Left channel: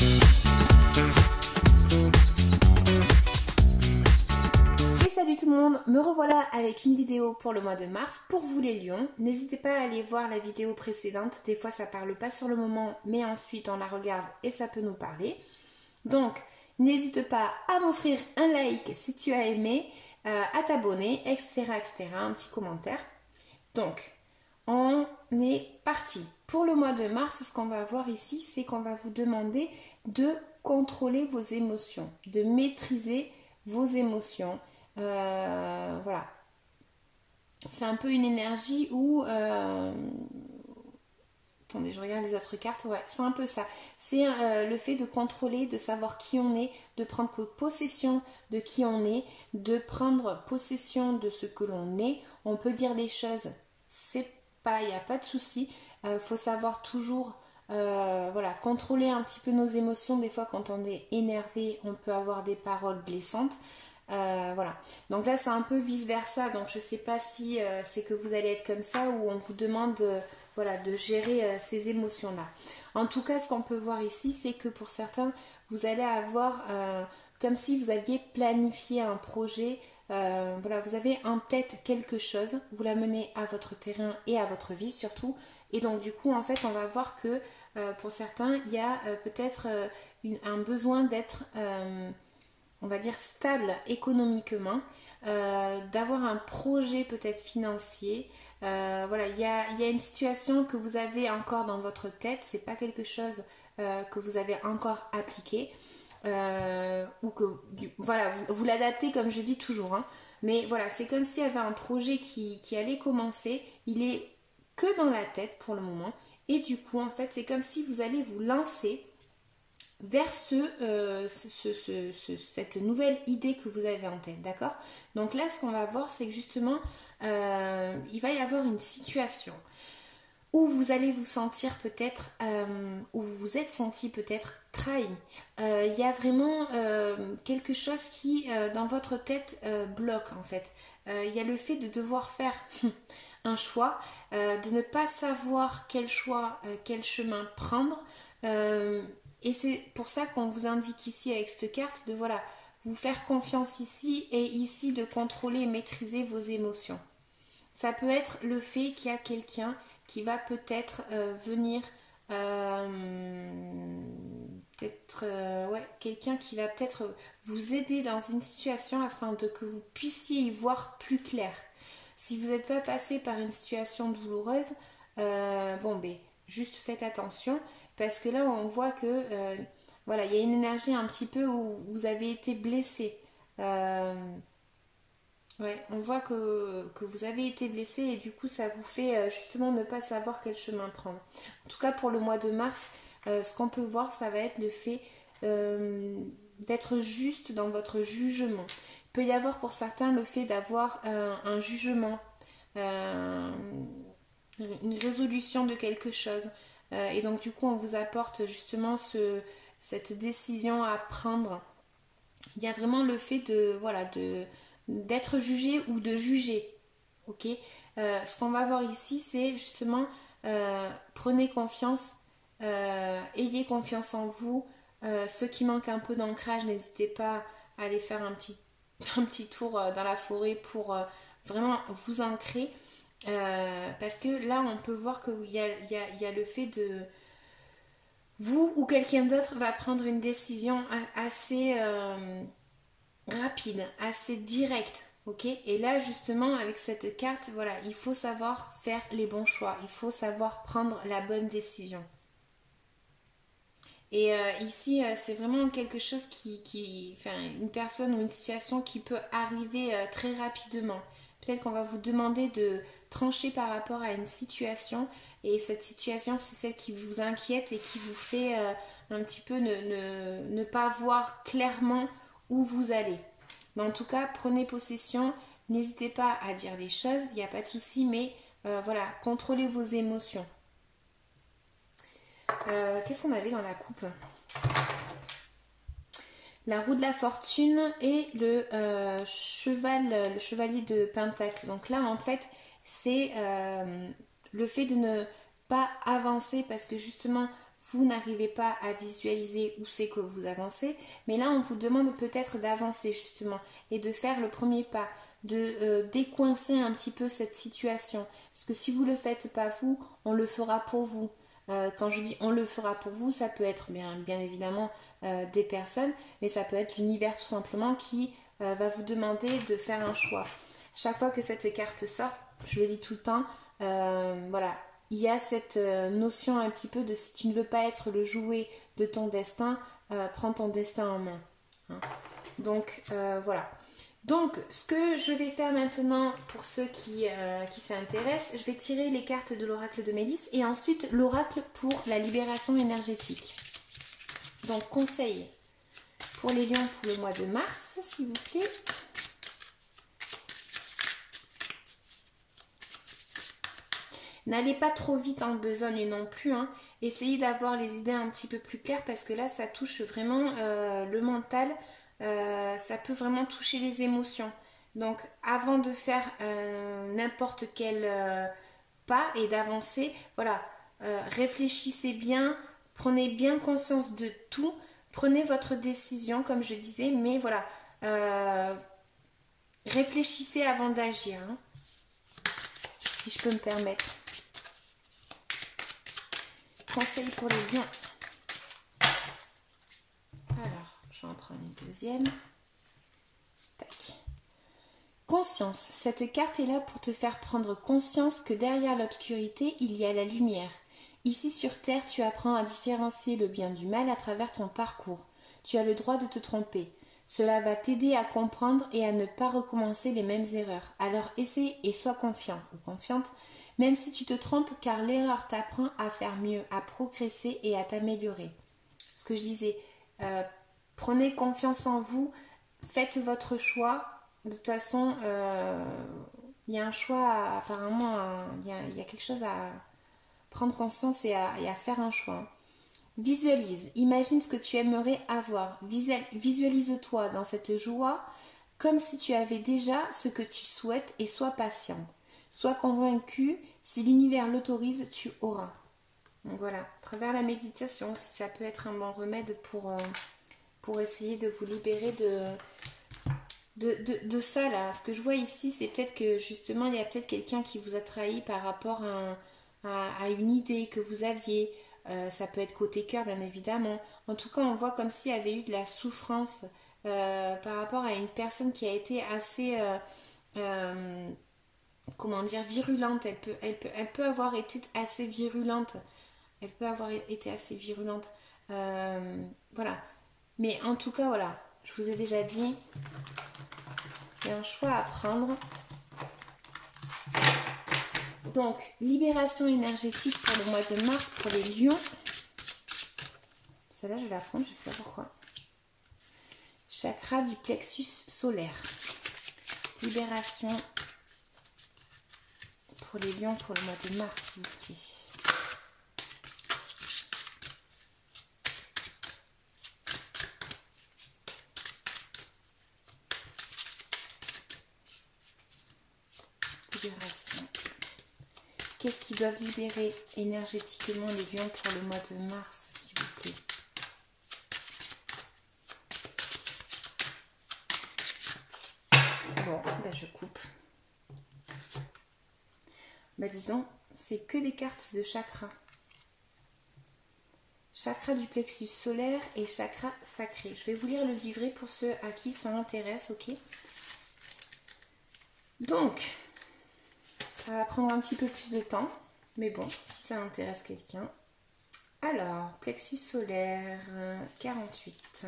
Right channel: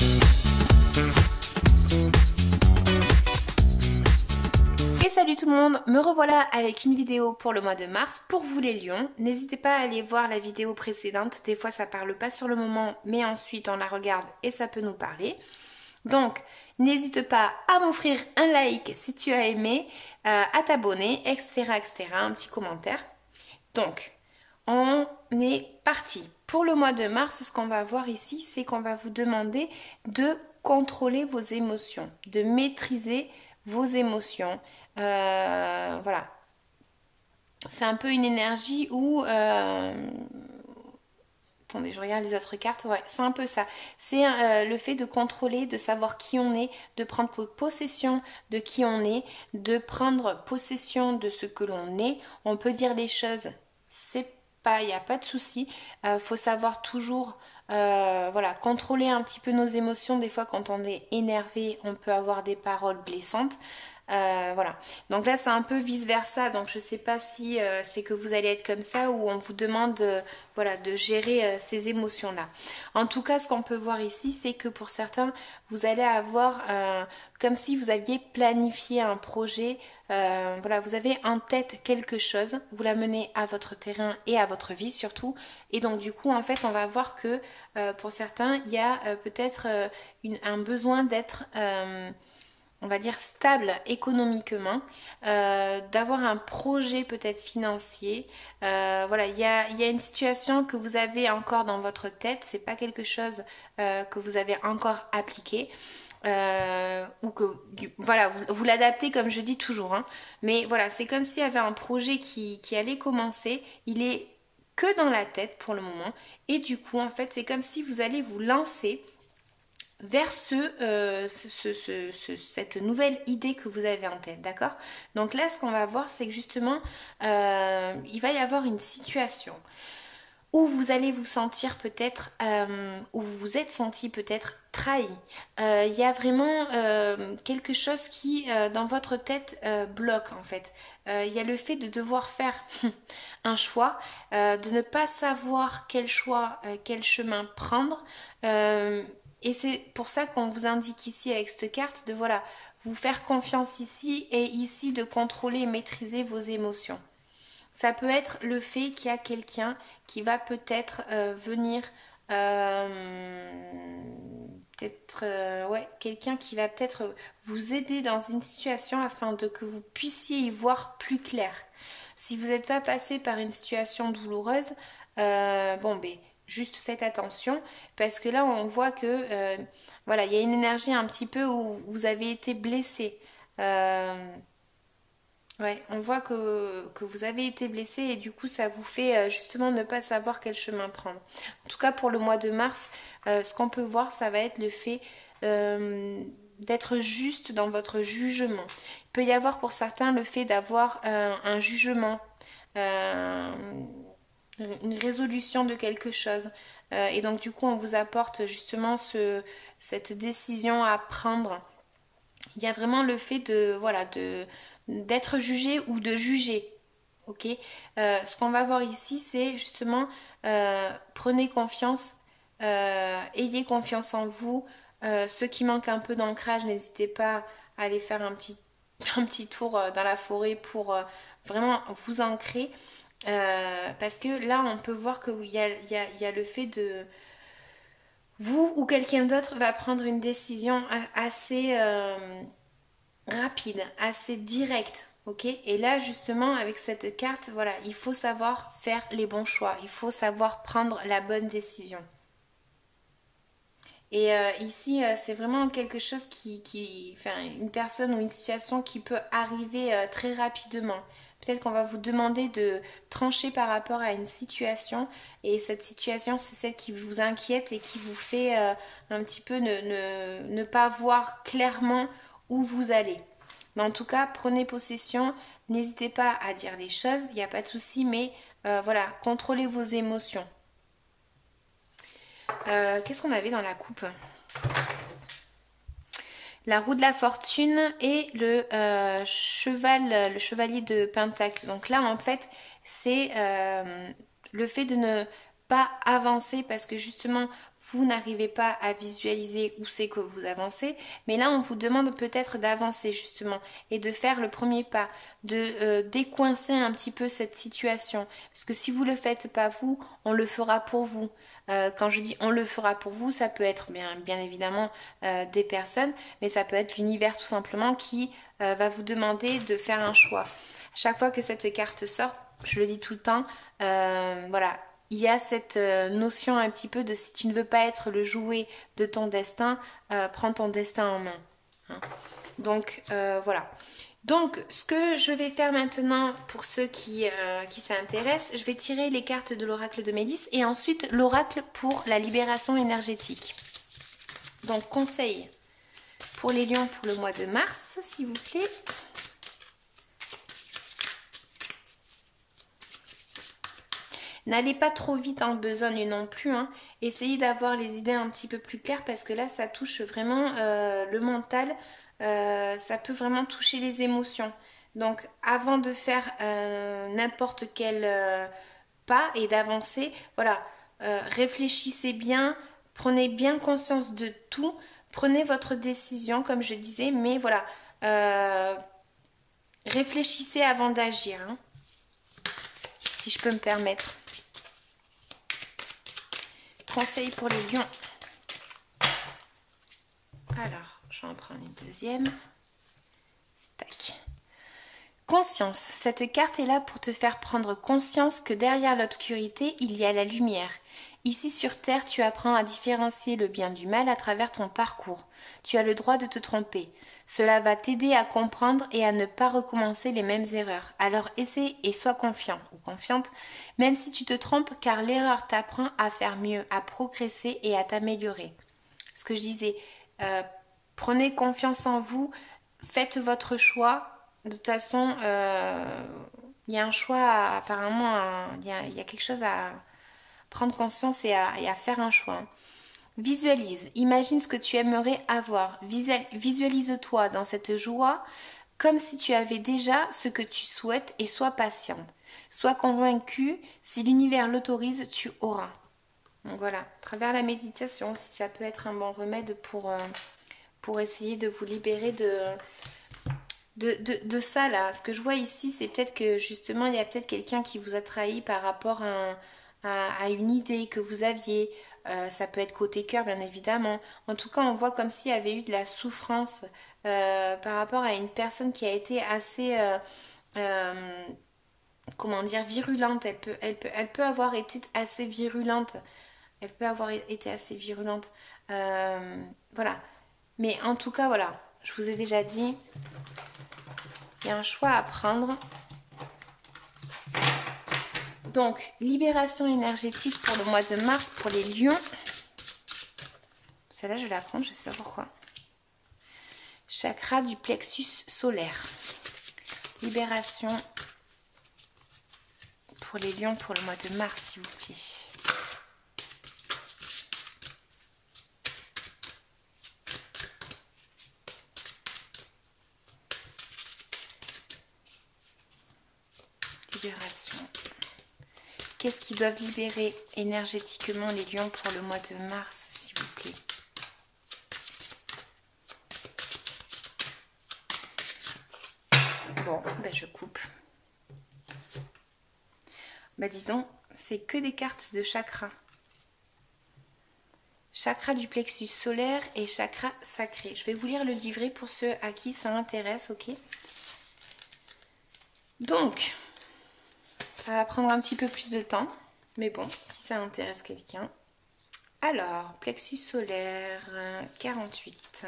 Salut tout le monde, me revoilà avec une vidéo pour le mois de mars pour vous les lions. N'hésitez pas à aller voir la vidéo précédente, des fois ça parle pas sur le moment mais ensuite on la regarde et ça peut nous parler. Donc n'hésite pas à m'offrir un like si tu as aimé, à t'abonner, etc., etc., un petit commentaire. Donc on est parti. Pour le mois de mars, ce qu'on va voir ici, c'est qu'on va vous demander de contrôler vos émotions, de maîtriser vos émotions. Voilà, c'est un peu une énergie où attendez, je regarde les autres cartes. Ouais, c'est un peu ça, c'est le fait de contrôler, de savoir qui on est, de prendre possession de qui on est, de prendre possession de ce que l'on est. On peut dire des choses, c'est pas, il n'y a pas de souci, faut savoir toujours voilà, contrôler un petit peu nos émotions. Des fois quand on est énervé, on peut avoir des paroles blessantes. Voilà, donc là c'est un peu vice versa, donc je sais pas si c'est que vous allez être comme ça ou on vous demande voilà, de gérer ces émotions là. En tout cas, ce qu'on peut voir ici, c'est que pour certains vous allez avoir comme si vous aviez planifié un projet, voilà, vous avez en tête quelque chose, vous la menez à votre terrain et à votre vie surtout, et donc du coup en fait on va voir que pour certains il y a peut-être un besoin d'être on va dire stable économiquement, d'avoir un projet peut-être financier. Voilà, il y a une situation que vous avez encore dans votre tête, c'est pas quelque chose que vous avez encore appliqué. Ou que voilà, vous l'adaptez comme je dis toujours, hein. Mais voilà, c'est comme s'il y avait un projet qui allait commencer, il est que dans la tête pour le moment, et du coup en fait c'est comme si vous allez vous lancer vers cette nouvelle idée que vous avez en tête, d'accord? Donc là, ce qu'on va voir, c'est que justement, il va y avoir une situation où vous allez vous sentir peut-être, où vous vous êtes senti peut-être trahi. Il y a vraiment quelque chose qui, dans votre tête, bloque en fait. Il y a le fait de devoir faire un choix, de ne pas savoir quel choix, quel chemin prendre. Et c'est pour ça qu'on vous indique ici avec cette carte de voilà, vous faire confiance ici et ici de contrôler et maîtriser vos émotions. Ça peut être le fait qu'il y a quelqu'un qui va peut-être venir, peut-être, ouais, quelqu'un qui va peut-être vous aider dans une situation afin que vous puissiez y voir plus clair. Si vous n'êtes pas passé par une situation douloureuse, bon ben juste faites attention parce que là on voit que voilà, il y a une énergie un petit peu où vous avez été blessé. Ouais, on voit que vous avez été blessé et du coup ça vous fait justement ne pas savoir quel chemin prendre. En tout cas pour le mois de mars, ce qu'on peut voir, ça va être le fait d'être juste dans votre jugement. Il peut y avoir pour certains le fait d'avoir un jugement, une résolution de quelque chose. Et donc du coup on vous apporte justement cette décision à prendre. Il y a vraiment le fait de voilà, d'être jugé ou de juger. Ok, ce qu'on va voir ici, c'est justement prenez confiance, ayez confiance en vous. Ceux qui manquent un peu d'ancrage, n'hésitez pas à aller faire un petit tour dans la forêt pour vraiment vous ancrer. Parce que là, on peut voir qu'il y a le fait de vous ou quelqu'un d'autre va prendre une décision assez rapide, assez directe. Ok, et là justement avec cette carte, voilà, il faut savoir faire les bons choix, il faut savoir prendre la bonne décision. Et ici, c'est vraiment quelque chose enfin, une personne ou une situation qui peut arriver très rapidement. Peut-être qu'on va vous demander de trancher par rapport à une situation, et cette situation, c'est celle qui vous inquiète et qui vous fait un petit peu ne pas voir clairement où vous allez. Mais en tout cas, prenez possession, n'hésitez pas à dire les choses, il n'y a pas de souci, mais voilà, contrôlez vos émotions. Qu'est-ce qu'on avait dans la coupe? La roue de la fortune et le chevalier de pentacle. Donc là en fait c'est le fait de ne pas avancer parce que justement vous n'arrivez pas à visualiser où c'est que vous avancez, mais là on vous demande peut-être d'avancer justement et de faire le premier pas, de décoincer un petit peu cette situation, parce que si vous ne le faites pas vous, on le fera pour vous. Quand je dis on le fera pour vous, ça peut être bien évidemment des personnes, mais ça peut être l'univers tout simplement qui va vous demander de faire un choix. Chaque fois que cette carte sort, je le dis tout le temps, voilà, il y a cette notion un petit peu de si tu ne veux pas être le jouet de ton destin, prends ton destin en main. Hein. Donc voilà. Donc ce que je vais faire maintenant pour ceux qui s'intéressent, je vais tirer les cartes de l'oracle de Médis et ensuite l'oracle pour la libération énergétique. Donc conseil pour les lions pour le mois de mars, s'il vous plaît. N'allez pas trop vite en besogne non plus, hein. Essayez d'avoir les idées un petit peu plus claires parce que là ça touche vraiment le mental, ça peut vraiment toucher les émotions. Donc avant de faire n'importe quel pas et d'avancer, voilà, réfléchissez bien, prenez bien conscience de tout, prenez votre décision comme je disais, mais voilà, réfléchissez avant d'agir, hein, si je peux me permettre. Conseil pour les lions. Alors, j'en prends une deuxième. Tac. Conscience. Cette carte est là pour te faire prendre conscience que derrière l'obscurité, il y a la lumière. Ici sur Terre, tu apprends à différencier le bien du mal à travers ton parcours. Tu as le droit de te tromper. Cela va t'aider à comprendre et à ne pas recommencer les mêmes erreurs. Alors essaie et sois confiant ou confiante, même si tu te trompes, car l'erreur t'apprend à faire mieux, à progresser et à t'améliorer. Ce que je disais, prenez confiance en vous, faites votre choix. De toute façon, il y a un choix, apparemment, il y a quelque chose à prendre conscience et à faire un choix. Visualise, imagine ce que tu aimerais avoir. Visualise-toi dans cette joie comme si tu avais déjà ce que tu souhaites et sois patiente. Sois convaincu, si l'univers l'autorise, tu auras. Donc voilà, à travers la méditation aussi, ça peut être un bon remède pour essayer de vous libérer de ça là. Ce que je vois ici, c'est peut-être que justement, il y a peut-être quelqu'un qui vous a trahi par rapport à une idée que vous aviez. Ça peut être côté cœur bien évidemment. En tout cas on voit comme s'il y avait eu de la souffrance par rapport à une personne qui a été assez comment dire, virulente. Elle peut avoir été assez virulente. Elle peut avoir été assez virulente. Voilà. Mais en tout cas voilà, je vous ai déjà dit, il y a un choix à prendre. Donc, libération énergétique pour le mois de mars pour les lions. Celle-là, je vais la prendre, je ne sais pas pourquoi. Chakra du plexus solaire. Libération pour les lions pour le mois de mars, s'il vous plaît. Libération. Qu'est-ce qu'ils doivent libérer énergétiquement les lions pour le mois de mars, s'il vous plaît? Bon, ben je coupe. Ben disons, c'est que des cartes de chakra. Chakra du plexus solaire et chakra sacré. Je vais vous lire le livret pour ceux à qui ça intéresse, ok? Donc, ça va prendre un petit peu plus de temps, mais bon, si ça intéresse quelqu'un. Alors, plexus solaire, 48.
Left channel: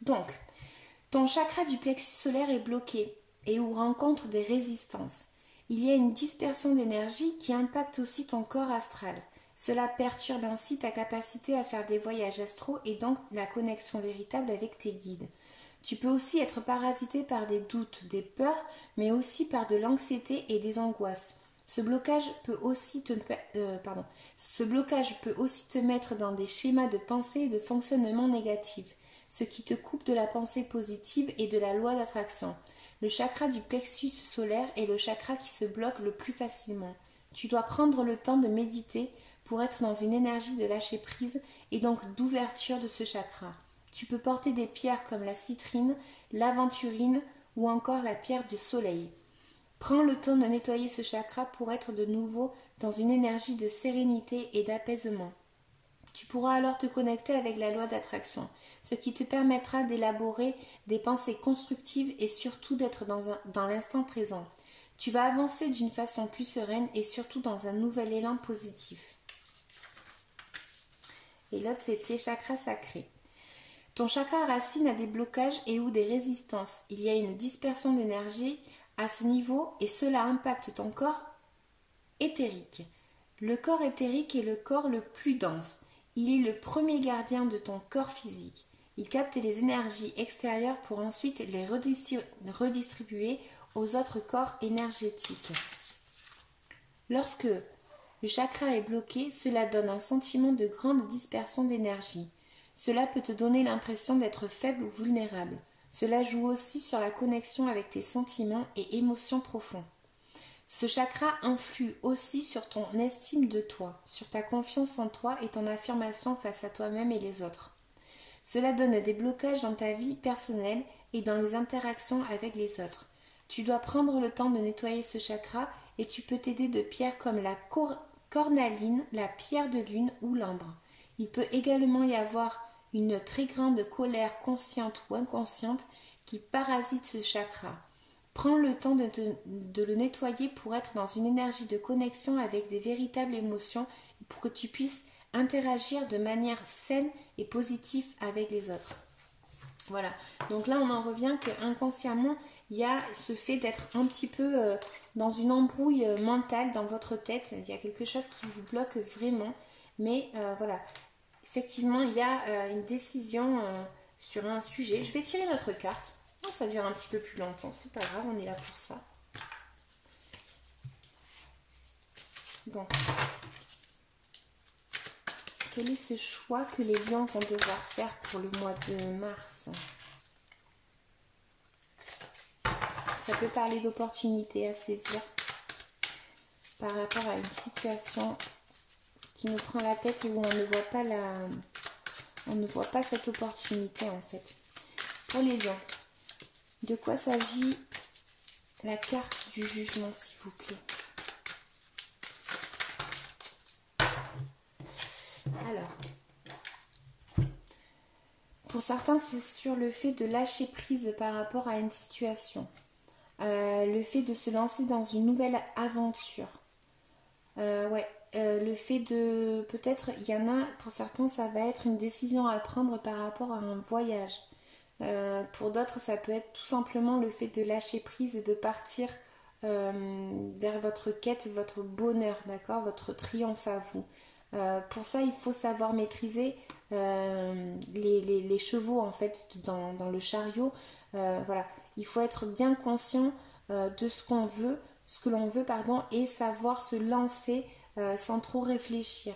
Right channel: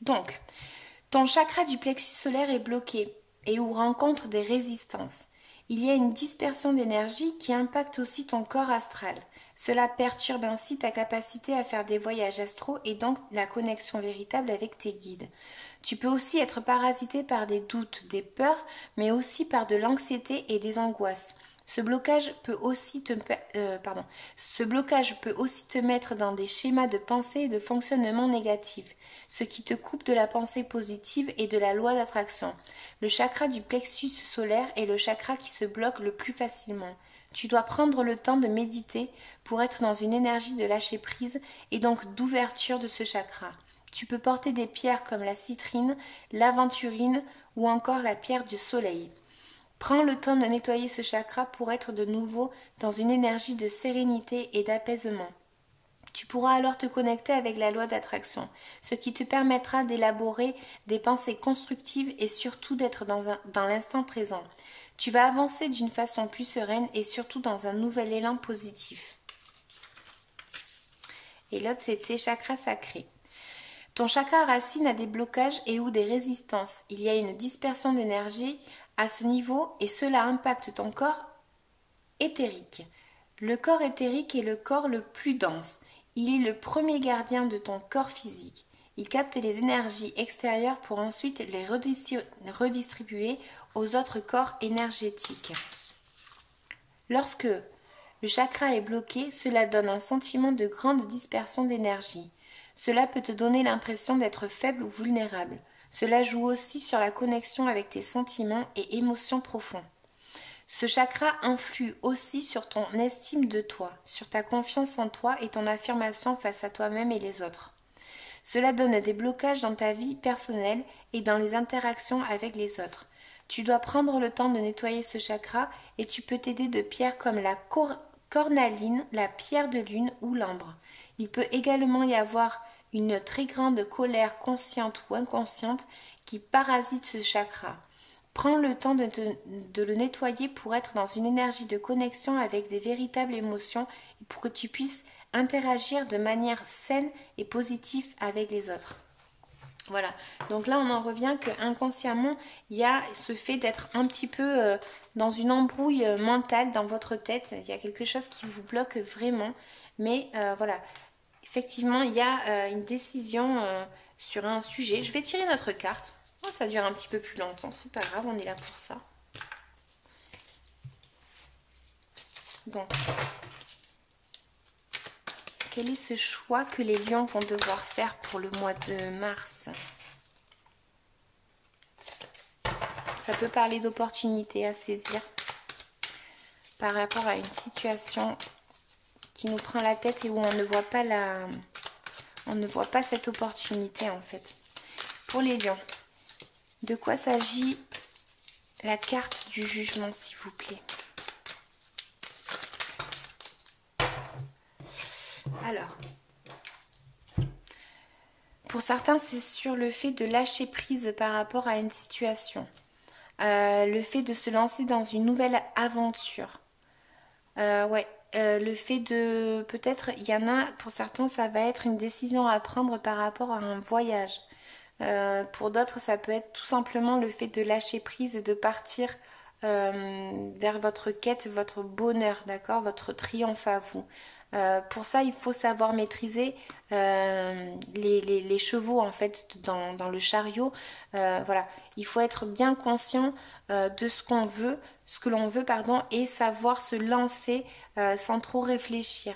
Donc, ton chakra du plexus solaire est bloqué et ou rencontre des résistances. Il y a une dispersion d'énergie qui impacte aussi ton corps astral. Cela perturbe ainsi ta capacité à faire des voyages astraux et donc la connexion véritable avec tes guides. Tu peux aussi être parasité par des doutes, des peurs, mais aussi par de l'anxiété et des angoisses. Ce blocage peut aussi te mettre dans des schémas de pensée et de fonctionnement négatifs, ce qui te coupe de la pensée positive et de la loi d'attraction. Le chakra du plexus solaire est le chakra qui se bloque le plus facilement. Tu dois prendre le temps de méditer pour être dans une énergie de lâcher prise et donc d'ouverture de ce chakra. Tu peux porter des pierres comme la citrine, l'aventurine ou encore la pierre du soleil. Prends le temps de nettoyer ce chakra pour être de nouveau dans une énergie de sérénité et d'apaisement. Tu pourras alors te connecter avec la loi d'attraction, ce qui te permettra d'élaborer des pensées constructives et surtout d'être dans l'instant présent. Tu vas avancer d'une façon plus sereine et surtout dans un nouvel élan positif. Et l'autre, c'était chakra sacré. Ton chakra racine a des blocages et ou des résistances. Il y a une dispersion d'énergie à ce niveau et cela impacte ton corps éthérique. Le corps éthérique est le corps le plus dense. Il est le premier gardien de ton corps physique. Il capte les énergies extérieures pour ensuite les redistribuer aux autres corps énergétiques. Lorsque le chakra est bloqué, cela donne un sentiment de grande dispersion d'énergie. Cela peut te donner l'impression d'être faible ou vulnérable. Cela joue aussi sur la connexion avec tes sentiments et émotions profonds. Ce chakra influe aussi sur ton estime de toi, sur ta confiance en toi et ton affirmation face à toi-même et les autres. Cela donne des blocages dans ta vie personnelle et dans les interactions avec les autres. Tu dois prendre le temps de nettoyer ce chakra et tu peux t'aider de pierres comme la cornaline, la pierre de lune ou l'ambre. Il peut également y avoir une très grande colère consciente ou inconsciente qui parasite ce chakra. Prends le temps de le nettoyer pour être dans une énergie de connexion avec des véritables émotions et pour que tu puisses interagir de manière saine et positive avec les autres. Voilà, donc là on en revient qu'inconsciemment il y a ce fait d'être un petit peu dans une embrouille mentale dans votre tête. Il y a quelque chose qui vous bloque vraiment, mais voilà, effectivement il y a une décision sur un sujet. Je vais tirer notre carte. Oh, ça dure un petit peu plus longtemps, c'est pas grave, on est là pour ça. Donc, quel est ce choix que les lions vont devoir faire pour le mois de mars? Ça peut parler d'opportunités à saisir par rapport à une situation qui nous prend la tête et où on ne voit pas cette opportunité en fait. Pour les lions, de quoi s'agit la carte du jugement, s'il vous plaît? Alors, pour certains, c'est sur le fait de lâcher prise par rapport à une situation. Le fait de se lancer dans une nouvelle aventure. Le fait de... Peut-être, il y en a, pour certains, ça va être une décision à prendre par rapport à un voyage. Pour d'autres, ça peut être tout simplement le fait de lâcher prise et de partir vers votre quête, votre bonheur, d'accord, votre triomphe à vous. Pour ça, il faut savoir maîtriser les chevaux en fait dans le chariot. Voilà, il faut être bien conscient de ce qu'on veut, ce que l'on veut, pardon, et savoir se lancer sans trop réfléchir.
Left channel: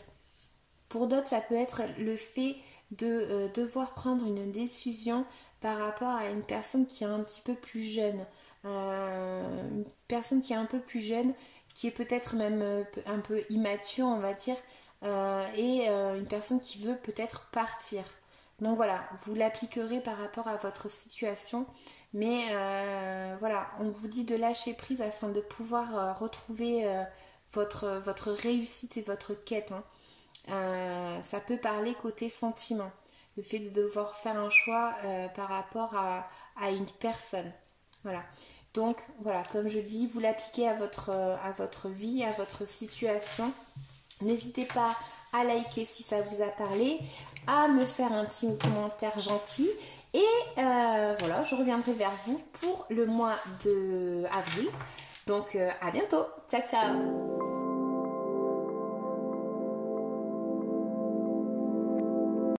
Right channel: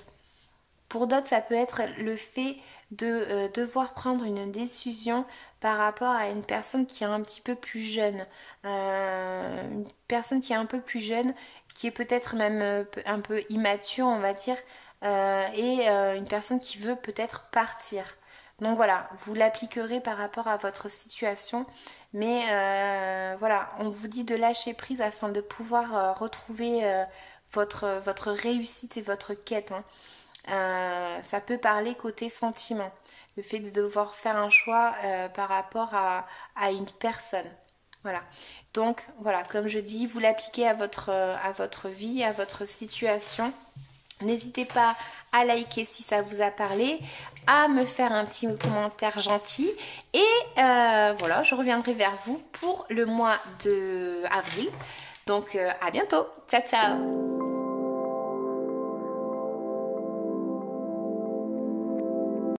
Pour d'autres, ça peut être le fait de devoir prendre une décision par rapport à une personne qui est un petit peu plus jeune. Une personne qui est un peu plus jeune, qui est peut-être même un peu immature, on va dire, et une personne qui veut peut-être partir. Donc voilà, vous l'appliquerez par rapport à votre situation, mais voilà, on vous dit de lâcher prise afin de pouvoir retrouver votre réussite et votre quête. Ça peut parler côté sentiment, le fait de devoir faire un choix par rapport à une personne. Voilà. Donc voilà, comme je dis, vous l'appliquez à votre vie, à votre situation. N'hésitez pas à liker si ça vous a parlé, à me faire un petit commentaire gentil et voilà, je reviendrai vers vous pour le mois d'avril. Donc à bientôt, ciao ciao.